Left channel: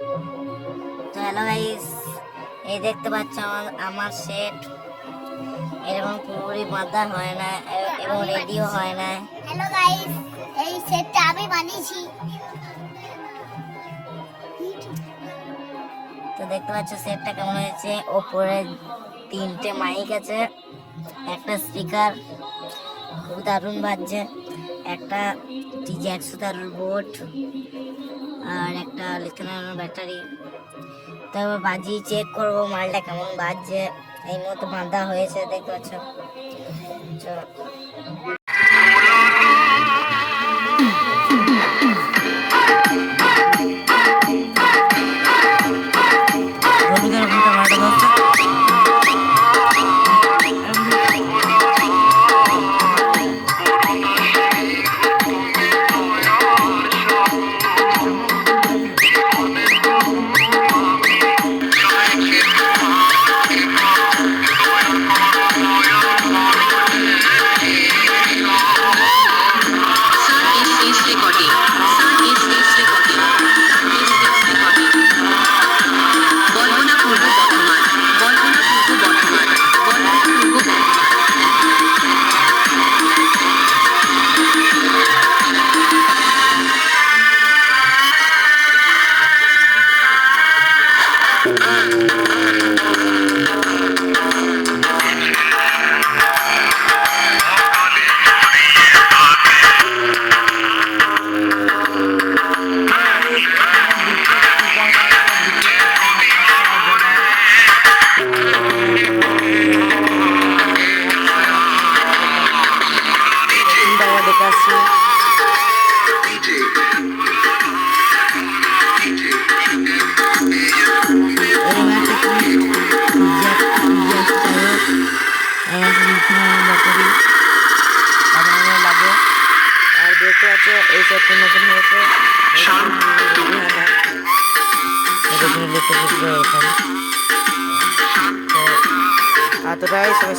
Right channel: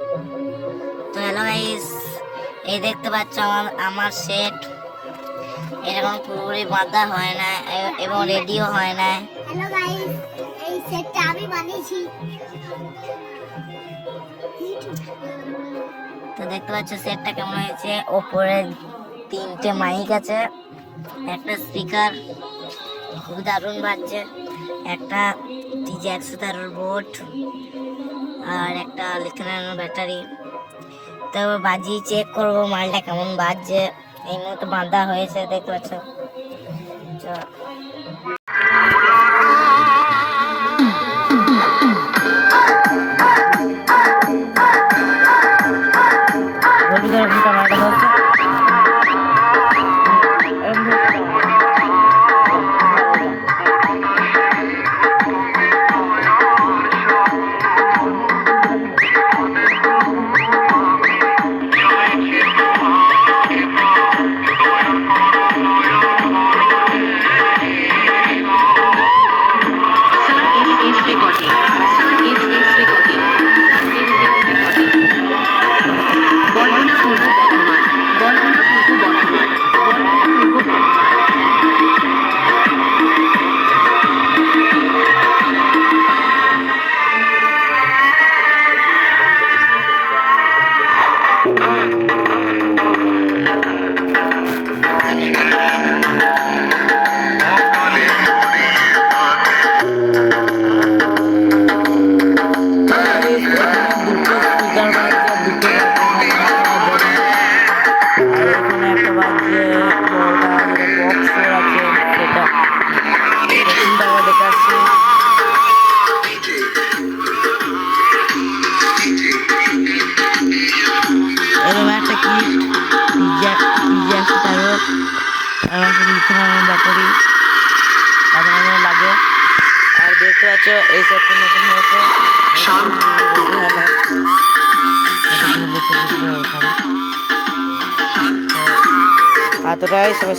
তো hello guys এই দেখতে পাচ্ছ আমার আমার সেট এরকম পুরোপুরি বাঁধা হয় না এবং রেডিও হয় না। হ্যালো গাইস এই সেটটা আমি বানিয়েছি। তো দেখতে পাচ্ছ সেটটা কেমন হয়েছে? ওপরে তিনটে মাইক আছে একটা স্পিকার খুব দারুণ বাজছে। একটা টিজি একশো তেরোর বোর্ড আর একটা লিথিয়াম ব্যাটারি। তো বাজিয়ে চেক করব মালটা কেমন বাজছে। এই মতো বাঁধা হয়েছে, দেখতে পাচ্ছ এরকম ব্যাটারি বাজানো লাগে। আর দেখতে পাচ্ছ এই সেটটা নতুন হয়েছে এতটাই সবাই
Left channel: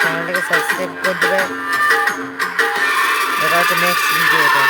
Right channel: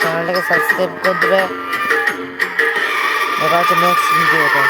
চ্যানেলটাকে সাবস্ক্রাইব করে দেবে। দেখা হচ্ছে নেক্সট ভিডিওতে